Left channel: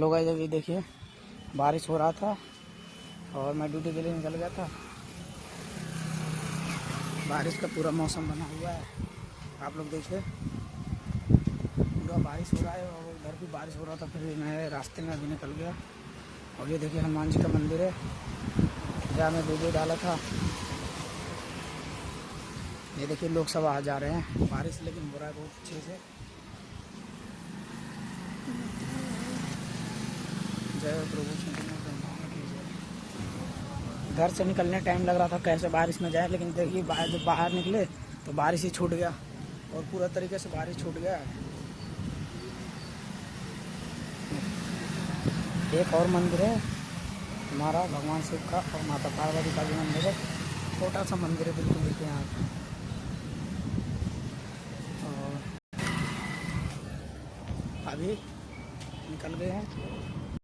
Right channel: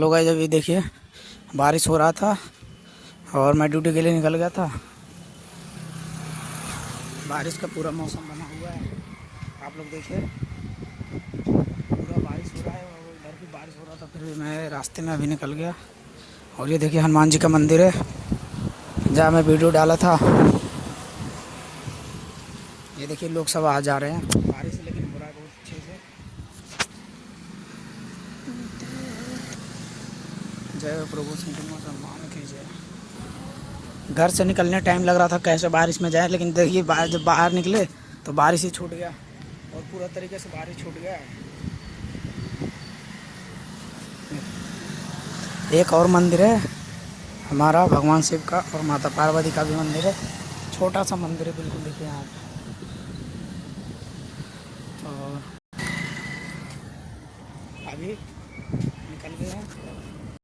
लोग जब ये देखिए बारिश हो रहा था और मैं ड्यूटी के लिए निकल गया था। बारिश का पूरा मौसम बना हुआ है, आप लोग देखिए पूरा बारिश हो रहा है और उधर भी बारिश हो रहा था, फिर भी मैं रास्ते में अभी निकल गया। और ये देखिए हनुमान जी का मंदिर है जहाँ मैं वीडियो डाला था। ये देखिए लोग सब आ जा रहे हैं, बारिश लेकिन हो रहा है बहुत अच्छे से। जय प्रभु सम्मान कीजिए। घर से निकलने टाइम लग रहा था कैसे बारिश में जाए, लेकिन देखिए जब बाहर निकले तो बारिश ही छूट गया और पूरा तरीके से बारिश छूट गया। एक और मंदिर है हमारा भगवान शिव का और माता पार्वती का भी मंदिर है, छोटा सा मंदिर है बिल्कुल, देखिए यहाँ पे। और अभी निकल गए हैं।